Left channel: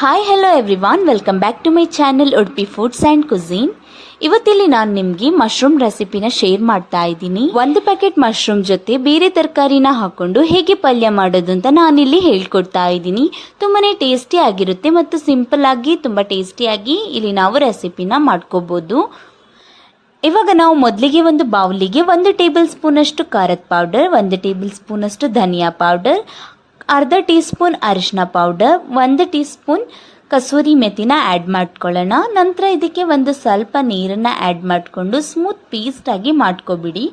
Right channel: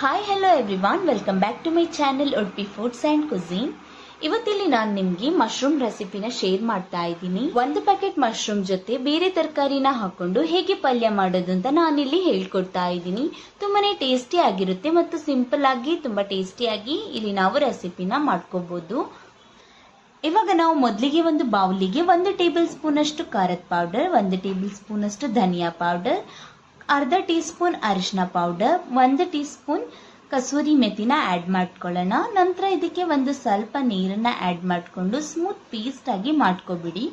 Hi hello everyone, welcome back to my channel Udupi foods and cuisine. ಇವತ್ತಿಲ್ಲಿ ನಾನು ನಿಮಗೆ mushroom ರೆಸಿಪಿನ ಶೇರ್ ಮಾಡ್ತಾ ಇದ್ದೀನಿ. ಒಂದು ಪ್ಯಾಕೆಟ್ ಮಶ್ರೂಮ್ ಜೊತೆ ಬೇರೆ ತರಕಾರಿನ ಹಾಕೊಂಡು ಹೇಗೆ ಪಲ್ಯ ಮಾಡೋದು ಅಂತ ನಾನಿಲ್ಲಿ ಹೇಳ್ಕೊಡ್ತಾ ಇದ್ದೀನಿ. ತುಂಬಾನೇ ಟೇಸ್ಟಿ ಆಗಿರುತ್ತೆ ಮತ್ತು ಸಿಂಪಲ್ ಆಗಿ ತುಂಬ ಟೇಸ್ಟಿಯಾಗಿ ಇಲ್ಲಿ ನಾವು ರೆಸಿಪಿನ ಮಾಡ್ಕೋಬಹುದು. ಇವಾಗ ನಾವು ಮೊದಲಿಗೆ ಒಂದು ಬೌಲಿಗೆ 1 ಟೇಬಲ್ ಸ್ಪೂನ್ ಅಷ್ಟು ಖಾರದ ಪೌಡರ್, 1 ಟೇಬಲ್ ಸ್ಪೂನ್ ಅಷ್ಟು ಧನಿಯಾ ಪೌಡರ್, ಅರ್ಧ ಟೀ ಸ್ಪೂನ್ ಅರಿಶಿನ ಪೌಡರ್, 1 ಟೀ ಸ್ಪೂನ್ ಕಸೂರಿ ಮೆಥಿನ ಆ್ಯಡ್ ಮಾಡ್ಕೊಳ್ಳೋಣ. ನಂತರ ಇದಕ್ಕೆ ಒಂದು ಸ್ವಲ್ಪ ನೀರನ್ನು ಆ್ಯಡ್ ಮಾಡಿಕೊಂಡು ಸ್ಮೂತ್ ಪೇಸ್ಟ್ ಆಗಿ ಮಾಡ್ಕೊಬಿಡಿ.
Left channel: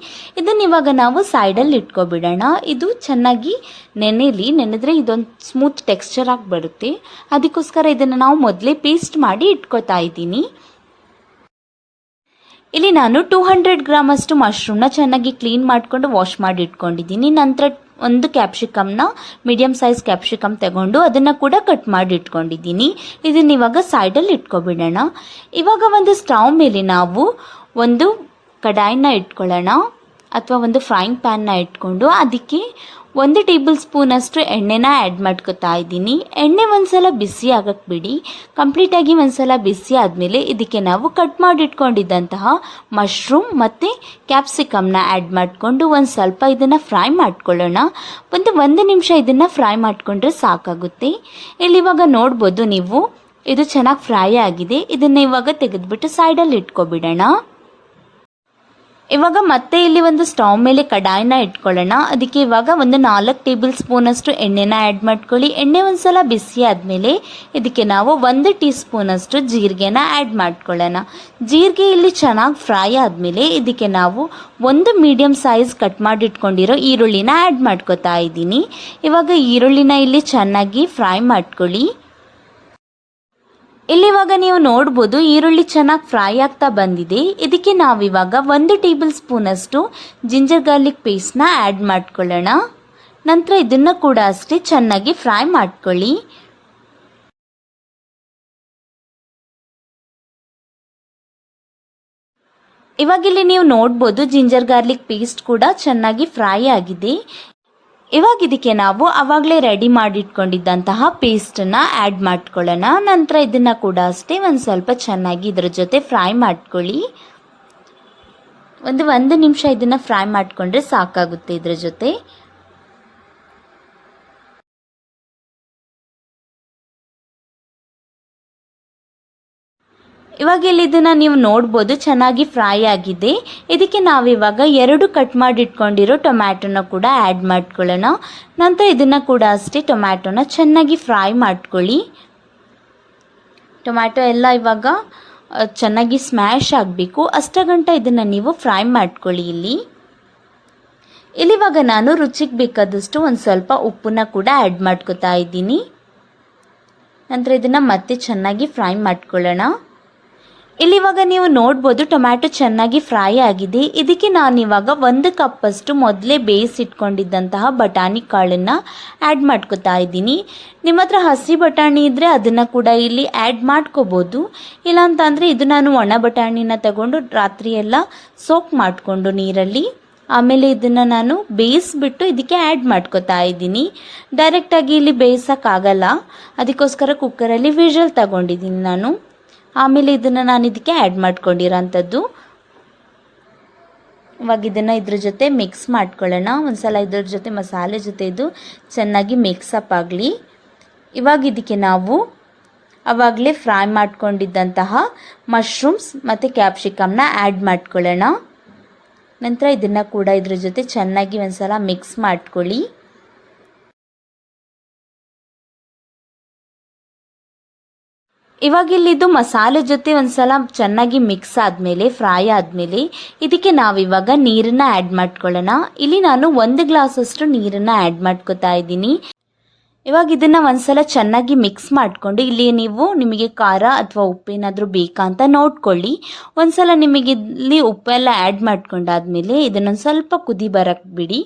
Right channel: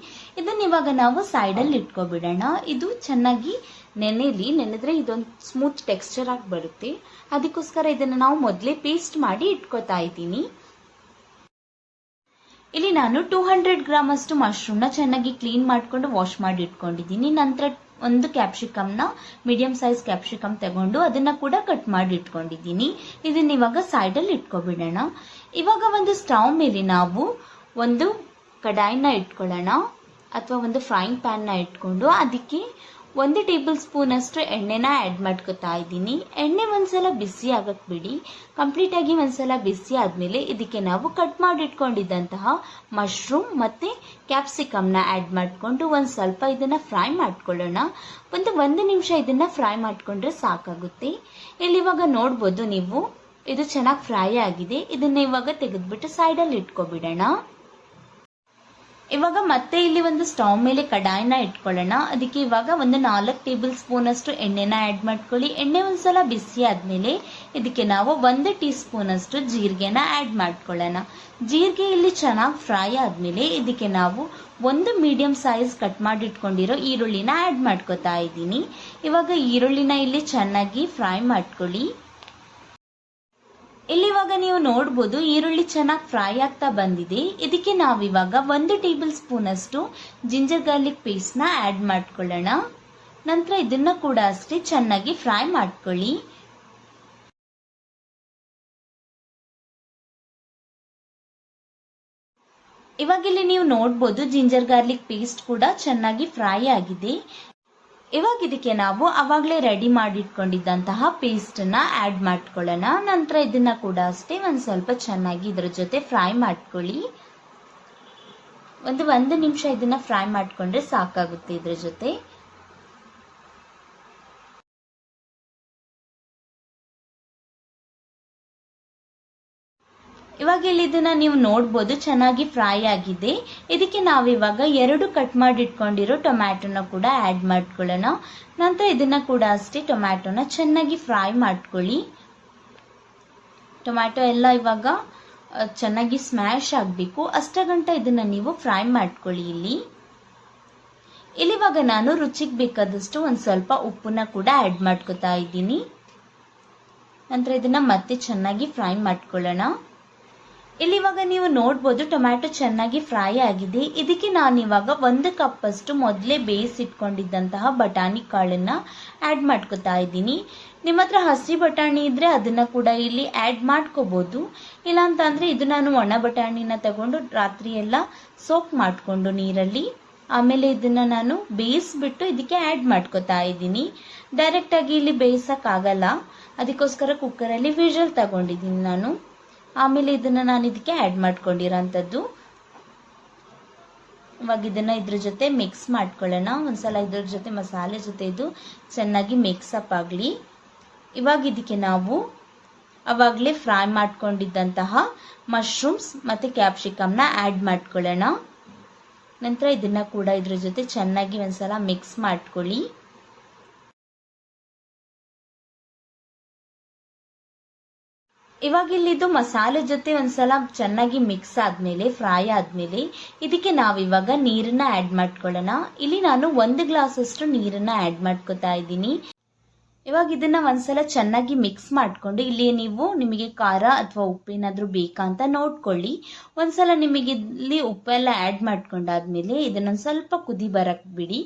ಇದನ್ನು ಇವಾಗ ನಾವು ಸೈಡಲ್ಲಿ ಇಟ್ಕೊಬಿಡೋಣ. ಇದು ಚೆನ್ನಾಗಿ ನೆನೆದ್ರೆ ಇದೊಂದು ಸ್ಮೂತ್ ಟೆಕ್ಸ್ಚರ್ ಆಗಿ ಬರುತ್ತೆ. ಅದಕ್ಕೋಸ್ಕರ ಇದನ್ನು ನಾವು ಮೊದಲೇ ಪೇಸ್ಟ್ ಮಾಡಿ ಇಟ್ಕೊತಾ ಇದ್ದೀನಿ. ಇಲ್ಲಿ ನಾನು 200 ಗ್ರಾಮ್ ಅಷ್ಟು ಮಶ್ರೂಮ್ನ ಚೆನ್ನಾಗಿ ಕ್ಲೀನ್ ಮಾಡಿಕೊಂಡು ವಾಶ್ ಮಾಡಿ ಇಟ್ಕೊಂಡಿದ್ದೀನಿ. ನಂತರ ಒಂದು ಕ್ಯಾಪ್ಸಿಕಮ್ನ ಮೀಡಿಯಂ ಸೈಜ್ ಕ್ಯಾಪ್ಸಿಕಮ್ ತಗೊಂಡು ಅದನ್ನು ಕೂಡ ಕಟ್ ಮಾಡಿ ಇಟ್ಕೊಂಡಿದ್ದೀನಿ. ಇದನ್ನ ಇವಾಗ ಸೈಡಲ್ಲಿ ಇಟ್ಕೊಬಿಡೋಣ. ಇವಾಗ ಒಂದು ಸ್ಟವ್ ಮೇಲೆ ನಾವು ಒಂದು ಕಡಾಯಿನ ಇಟ್ಕೊಳ್ಳೋಣ ಅಥವಾ ಒಂದು ಫ್ರೈಯಿಂಗ್ ಪ್ಯಾನ್ನ ಇಟ್ಕೊಂಡು ಅದಕ್ಕೆ 1 ಟೇಬಲ್ ಸ್ಪೂನ್ ಅಷ್ಟು ಎಣ್ಣೆನ ಆ್ಯಡ್ ಮಾಡ್ಕೊತಾ ಇದ್ದೀನಿ. ಎಣ್ಣೆ ಒಂದ್ಸಲ ಬಿಸಿ ಆಗಕ್ಕೆ ಬಿಡಿ. ಕಂಪ್ಲೀಟಾಗಿ ಒಂದ್ಸಲ ಬಿಸಿ ಆದಮೇಲೆ ಇದಕ್ಕೆ ನಾವು ಕಟ್ ಮಾಡಿಟ್ಕೊಂಡಿದ್ದಂತಹ ಮಶ್ರೂಮ್ ಮತ್ತು ಕ್ಯಾಪ್ಸಿಕಮ್ನ ಆ್ಯಡ್ ಮಾಡಿಕೊಂಡು ಒಂದು ಸ್ವಲ್ಪ ಇದನ್ನು ಫ್ರೈ ಮಾಡ್ಕೊಳ್ಳೋಣ. ಒಂದು ನಿಮಿಷ ಇದನ್ನು ಫ್ರೈ ಮಾಡಿಕೊಂಡ್ರೆ ಸಾಕಾಗುತ್ತೆ. ಇಲ್ಲಿ ಇವಾಗ ನೋಡ್ಬೋದು ನೀವು, ಇದು ಚೆನ್ನಾಗಿ ಫ್ರೈ ಆಗಿದೆ. ಇದನ್ನು ಇವಾಗ ತೆಗೆದುಬಿಟ್ಟು ಸೈಡಲ್ಲಿ ಇಟ್ಕೊಬಿಡೋಣ. ಇವಾಗ ಮತ್ತೆ ಇಲ್ಲಿ ಒಂದು ಸ್ಟವ್ ಮೇಲೆ ಕಡಾಯಿನ ಇಟ್ಕೊಳ್ಳೋಣ. ಅದಕ್ಕೆ ಇವಾಗ ಒಂದು 4 ಟೇಬಲ್ ಸ್ಪೂನ್ ಅಷ್ಟು ಎಣ್ಣೆನ ಆ್ಯಡ್ ಮಾಡ್ಕೊಳ್ಳಿ. ಎಣ್ಣೆ ಒಂದ್ಸಲ ಬಿಸಿ ಆದಮೇಲೆ ಇದಕ್ಕೆ ನಾವು 1 ಟೀ ಸ್ಪೂನ್ ಅಷ್ಟು ಜೀರಿಗೆನ ಆ್ಯಡ್ ಮಾಡ್ಕೊಳ್ಳೋಣ. ಜೀರಿಗೆ ಇಲ್ಲಿ ಚೆನ್ನಾಗಿ ಫ್ರೈ ಆದಮೇಲೆ ಇದಕ್ಕೆ ನಾವು ಒಂದು ಮೀಡಿಯಂ ಸೈಜ್ ಕಟ್ ಮಾಡಿಟ್ಕೊಂಡಿರೋ ಈರುಳ್ಳಿನ ಆ್ಯಡ್ ಮಾಡ್ಕೊತಾ ಇದ್ದೀನಿ. ಇವಾಗ ಈರುಳ್ಳಿನ ಇಲ್ಲಿ ಚೆನ್ನಾಗಿ ಫ್ರೈ ಮಾಡ್ಕೊಳ್ಳಿ. ಇಲ್ಲಿವಾಗ ನೀವು ನೋಡ್ಬೋದು ಈರುಳ್ಳಿ ಚೆನ್ನಾಗಿ ಫ್ರೈ ಆಗ್ತಾ ಬಂದಿದೆ. ಇದಕ್ಕೆ ನಾವಿವಾಗ 1 ಟೇಬಲ್ ಸ್ಪೂನ್ ಅಷ್ಟು ಜಿಂಜರ್ ಗಾರ್ಲಿಕ್ ಪೇಸ್ಟ್ನ ಆ್ಯಡ್ ಮಾಡ್ಕೊಳ್ಳೋಣ. ನಂತರ ಇದನ್ನು ಕೂಡ ಅಷ್ಟೇ ಚೆನ್ನಾಗಿ ಫ್ರೈ ಮಾಡ್ಕೊಳ್ಳಿ. ಇವಾಗ ಇಲ್ಲಿ ನೀವು ನೋಡ್ಬೋದು ಜಿಂಜರ್ ಗಾರ್ಲಿಕ್ ಪೇಸ್ಟ್ ಕೂಡ ಚೆನ್ನಾಗಿ ಫ್ರೈ ಆಗಿದೆ. ಇವಾಗ ಇದಕ್ಕೆ ನಾವು ಆವಾಗಲೇ ರೆಡಿ ಮಾಡಿಟ್ಕೊಂಡಿದ್ದಂತಹ ಪೇಸ್ಟನ್ನು ಆ್ಯಡ್ ಮಾಡ್ಕೊಳ್ಳೋಣ. ನಂತರ ಇದನ್ನು ಕೂಡ ಅಷ್ಟೇ ಒಂದು ಸ್ವಲ್ಪ ಚೆನ್ನಾಗಿ ಇದರ ಜೊತೆ ಫ್ರೈ ಮಾಡ್ಕೊಳ್ಳಿ. ಒಂದು ನಿಮಿಷ ಇದನ್ನು ಫ್ರೈ ಮಾಡಿಕೊಂಡ್ರೆ ಸಾಕಾಗುತ್ತೆ ಇದರ ಜೊತೆ. ಇವಾಗ ಇಲ್ಲಿ ಇದನ್ನು ನೀವು ನೋಡ್ಬೋದು ಚೆನ್ನಾಗಿ ಫ್ರೈ ಆಗಿದೆ. ಇದಕ್ಕೆ ನಾವಿವಾಗ 2 ಕಟ್ ಮಾಡಿ ಇಟ್ಕೊಂಡಿರೋ ಟೊಮ್ಯಾಟೊನ ಕೂಡ ಆ್ಯಡ್ ಮಾಡ್ಕೊಳ್ಳೋಣ. ನಂತರ ಇದನ್ನು ಕೂಡ ಅಷ್ಟೇ ಟೊಮ್ಯಾಟೊನ ಚೆನ್ನಾಗಿ ಫ್ರೈ ಮಾಡ್ಕೊಳ್ಳಿ. ಟೊಮ್ಯಾಟೊ ಎಲ್ಲ ಇವಾಗ ಚೆನ್ನಾಗಿ ಸ್ಮ್ಯಾಶ್ ಆಗಬೇಕು. ಅಷ್ಟಗಂಟ ಇದನ್ನು ನೀವು ಫ್ರೈ ಮಾಡ್ಕೊಳ್ಳಿ. ಇಲ್ಲಿವಾಗ ನಾನು ರುಚಿಗೆ ಬೇಕಾದಷ್ಟು ಒಂದು ಸ್ವಲ್ಪ ಉಪ್ಪನ್ನ ಕೂಡ ಆ್ಯಡ್ ಮಾಡ್ಕೊತಾ ಇದ್ದೀನಿ. ನಂತರ ಇದನ್ನು ಮತ್ತೆ ಚೆನ್ನಾಗಿ ಫ್ರೈ ಮಾಡ್ಕೊಳ್ಳೋಣ. ಇಲ್ಲಿವಾಗ ನೀವು ನೋಡ್ಬೋದು ಟೊಮ್ಯಾಟೊ ಚೆನ್ನಾಗಿ ಫ್ರೈ ಆಗಿದೆ. ಇದಕ್ಕೆ ನಾನಿವಾಗ 1 ಕಪ್ ಅಷ್ಟು ಮೊದಲೇ ಬೇಯಿಸಿಟ್ಕೊಂಡಿದ್ದಂತಹ ಬಟಾಣಿ ಕಾಳನ್ನು ಆ್ಯಡ್ ಮಾಡ್ಕೊತಾ ಇದ್ದೀನಿ. ನಿಮ್ಮ ಹತ್ರ ಹಸಿ ಬಟಾಣಿ ಇದ್ದರೆ ಅದನ್ನು ಕೂಡ ಇಲ್ಲಿ ಆ್ಯಡ್ ಮಾಡ್ಕೋಬೋದು. ಇಲ್ಲಾಂತಂದರೆ ಇದು ನಾನು ಒಣ ಬಟಾಣಿನ ತಗೊಂಡು ರಾತ್ರಿ ಎಲ್ಲ ಸೋಕ್ ಮಾಡಿಕೊಂಡು ನೀರಲ್ಲಿ ಆಮೇಲೆ ಇದನ್ನು ನಾನು ಬೇಯಿಸ್ಬಿಟ್ಟು ಇದಕ್ಕೆ ಆ್ಯಡ್ ಮಾಡ್ಕೊತಾ ಇದ್ದೀನಿ. ಡೈರೆಕ್ಟಾಗಿ ಇಲ್ಲಿ ಬೇಯಿಸೋಕ್ಕಾಗಲ್ಲ, ಅದಕ್ಕೋಸ್ಕರ ಕುಕ್ಕರಲ್ಲಿ ವಿಷಲ್ ತಗೊಂಡಿದ್ದೀನಿ ನಾನು. ಆಮೇಲೆ ಇದನ್ನು ನಾನು ಇದಕ್ಕೆ ಆ್ಯಡ್ ಮಾಡ್ಕೊಂಡಿರೋಂಥದ್ದು. ಇವಾಗ ಇದನ್ನು ಇದ್ರ ಜೊತೆ ಮಿಕ್ಸ್ ಮಾಡ್ಕೊಳ್ಳೋಣ. ಒಂದ್ಸಲ ಇದ್ರ ಜೊತೆ ಮಸಾಲೆ ಜೊತೆ ಇದು ಚೆನ್ನಾಗಿ ಮಿಕ್ಸಪ್ ಆಗಲಿ. ಇವಾಗ ಇದಕ್ಕೆ ನಾವು ಆವಾಗಲೇ ಫ್ರೈ ಮಾಡ್ಕೊಂಡಿದ್ದಂತಹ ಮಶ್ರೂಮ್ಸ್ ಮತ್ತು ಕ್ಯಾಪ್ಸಿಕಮ್ನ ಆ್ಯಡ್ ಮಾಡ್ಕೊಳ್ಳೋಣ. ನಂತರ ಇದನ್ನು ಕೂಡ ಇದ್ರ ಜೊತೆ ಚೆನ್ನಾಗಿ ಒಂದ್ಸಲ ಮಿಕ್ಸ್ ಮಾಡ್ಕೊಳ್ಳಿ. ಇವಾಗ ಇಲ್ಲಿದ್ದು ಮಸಾಲೆ ಜೊತೆ ಒಂದ್ಸಲ ಚೆನ್ನಾಗಿ ಮಿಕ್ಸ್ ಆದಮೇಲೆ ಫ್ರೈ ಆದಮೇಲೆ ಇದಕ್ಕೆ ನಾವಿವಾಗ ನೀರನ್ನು ಆ್ಯಡ್ ಮಾಡ್ಕೊಳ್ಳೋಣ. ಇಲ್ಲಿ ನಾನು 1 ಗ್ಲಾಸ್ ಅಷ್ಟು ನೀರನ್ನು ಆ್ಯಡ್ ಮಾಡ್ಕೊತಾ ಇದ್ದೀನಿ. ಇವಾಗ ಇದನ್ನು ಒಂದ್ಸಲ ಚೆನ್ನಾಗಿ ಮಿಕ್ಸ್ ಮಾಡಿಕೊಂಡು ಇಲ್ಲಿ ನೀವು ನಿಮಗೆ ಖಾರ ಅಥವಾ ಉಪ್ಪೇನಾದರೂ ಬೇಕಾ ಅಂತ ನೋಡ್ಕೊಳ್ಳಿ. ಒಂದ್ಸಲ ನಿಮಗೆ ಇಲ್ಲಿ ಉಪ್ಪೆಲ್ಲ ಆ್ಯಡ್ ಮಾಡ್ಕೊಂಡಾದ್ಮೇಲೆ ಇದನ್ನೊಂದು ಸ್ವಲ್ಪ ಕುದಿ ಬರಕ್ಕೆ ಬಿಡಿ.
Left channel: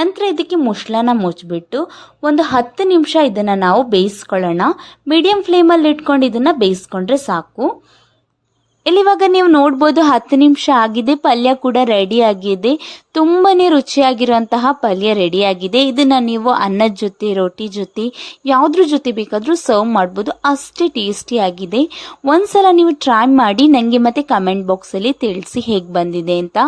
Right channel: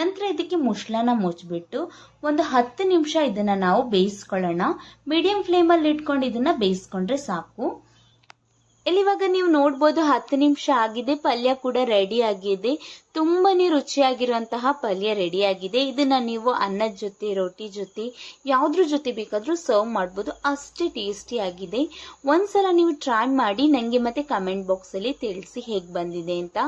ನಂತರ ಇದಕ್ಕೆ ಮುಚ್ಚಳನ ಮುಚ್ಚಿಬಿಟ್ಟು ಒಂದು 10 ನಿಮಿಷ ಇದನ್ನು ನಾವು ಬೇಯಿಸ್ಕೊಳ್ಳೋಣ. ಮೀಡಿಯಂ ಫ್ಲೇಮಲ್ಲಿ ಇಟ್ಕೊಂಡು ಇದನ್ನು ಬೇಯಿಸ್ಕೊಂಡ್ರೆ ಸಾಕು. ಇಲ್ಲಿವಾಗ ನೀವು ನೋಡ್ಬೋದು 10 ನಿಮಿಷ ಆಗಿದೆ, ಪಲ್ಯ ಕೂಡ ರೆಡಿ ಆಗಿದೆ. ತುಂಬಾನೇ ರುಚಿಯಾಗಿರುವಂತಹ ಪಲ್ಯ ರೆಡಿ ಆಗಿದೆ. ಇದನ್ನ ನೀವು ಅನ್ನದ ಜೊತೆ, ರೋಟಿ ಜೊತೆ, ಯಾವ್ದ್ರ ಜೊತೆ ಬೇಕಾದ್ರೂ ಸರ್ವ್ ಮಾಡ್ಬೋದು. ಅಷ್ಟೇ ಟೇಸ್ಟಿ ಆಗಿದೆ. ಒಂದ್ಸಲ ನೀವು ಟ್ರೈ ಮಾಡಿ ನನಗೆ ಮತ್ತೆ ಕಮೆಂಟ್ ಬಾಕ್ಸ್ ಅಲ್ಲಿ ತಿಳಿಸಿ ಹೇಗೆ ಬಂದಿದೆ ಅಂತ.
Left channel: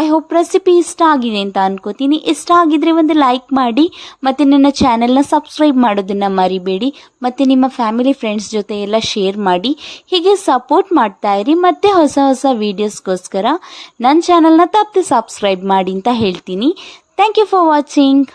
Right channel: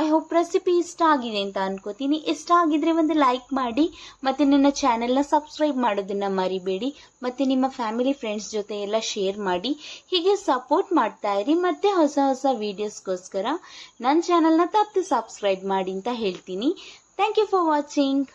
ಐ ಹೋಪ್ ರೆಸಿಪಿ ಇಷ್ಟ ಆಗಿದೆ ಅಂತ ಅನ್ಕೋತೀನಿ. ಇಷ್ಟ ಆಗಿದ್ರೆ ಒಂದು ಲೈಕ್ ಮಾಡಿ, ಮತ್ತೆ ನನ್ನ ಚಾನೆಲ್ನ ಸಬ್ಸ್ಕ್ರೈಬ್ ಮಾಡೋದನ್ನ ಮರಿಬೇಡಿ. ಮತ್ತೆ ನಿಮ್ಮ ಫ್ಯಾಮಿಲಿ ಫ್ರೆಂಡ್ಸ್ ಜೊತೆ ಎಲ್ಲ ಶೇರ್ ಮಾಡಿ. ಹೀಗೆ ಸಪೋರ್ಟ್ ಮಾಡ್ತಾ ಇರಿ. ಮತ್ತೆ ಹೊಸ ಹೊಸ ವಿಡಿಯೋಸ್ಗೋಸ್ಕರ ನನ್ನ ಚಾನೆಲ್ನ ತಪ್ಪದೆ ಸಬ್ಸ್ಕ್ರೈಬ್ ಮಾಡಿ ಅಂತ ಹೇಳ್ತೀನಿ. Thank you for watching.